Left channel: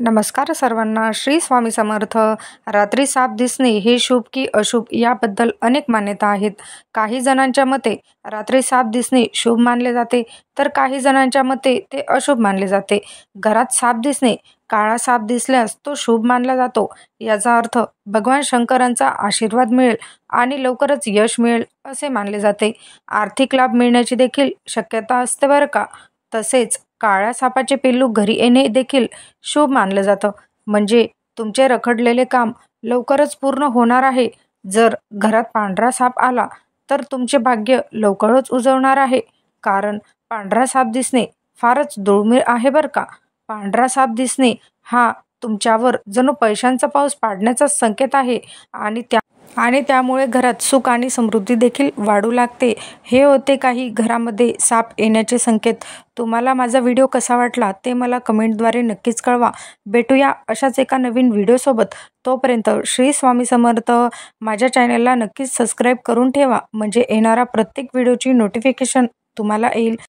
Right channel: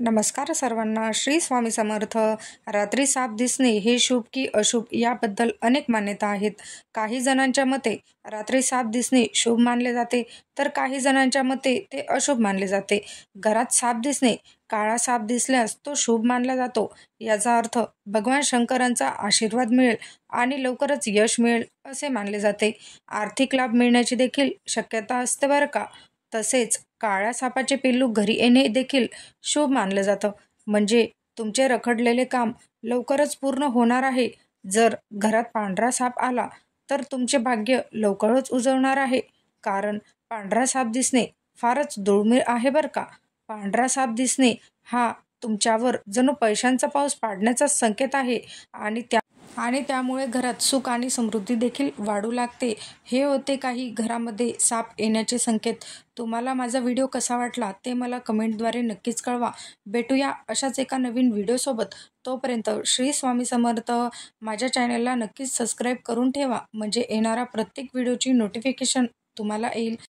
नमस्कार सर्वांना. श्री स्वामी समर्थ. रात्री साप दिसणे हे शुभ की अशुभ याबद्दल अनेक मान्यता आहेत. काही जणांच्या मते रात्री साप दिसणे शुभ मानले जाते, तर काही जणांच्या मते ते अशुभ मानले जाते. घरात साप दिसणे, काळा साप दिसल्यास तो शुभ मानला जातो. याचा अर्थ भगवान शंकरांचा आशीर्वाद मिळेल आणि लवकरच यश मिळेल असे मानले जाते. आर्थिक लाभ मिळण्याची देखील शक्यता असते बरं का. तसेच काळ्या सापाचे पिल्लू घरी येणे देखील शुभ मानलं जातं, म्हणजे तुमचे रखडलेले काम लवकरच पूर्ण होणार आहे. जर घरात पांढरा साप आला तर तुमचे भाग्य लवकरच उजवणार आहे, कारण पांढरा साप दिसणे फारच दुर्मिळ आहे बरं का. पांढरा साप दिसणे हा तुमच्यावर जणू पैशांचा पाऊस पाडण्याचा संकेत आहे आणि त्यामुळे घरात सुख आणि समृद्धी देखील वाढू लागते. हे होते काही घरामध्ये साप येण्याचे संकेत. तुम्हाला माझा व्हिडिओ कसा वाटला ते मला कमेंटद्वारे नक्कीच कळवा. भेटूया अशाच एका नवीन व्हिडिओसोबत. तोपर्यंत श्री स्वामी समर्थ. माझ्या चॅनलला नक्कीच सबस्क्राईब करून ठेवा, म्हणजे येणारा प्रत्येक व्हिडिओची नोटिफिकेशन तुम्हाला येईल.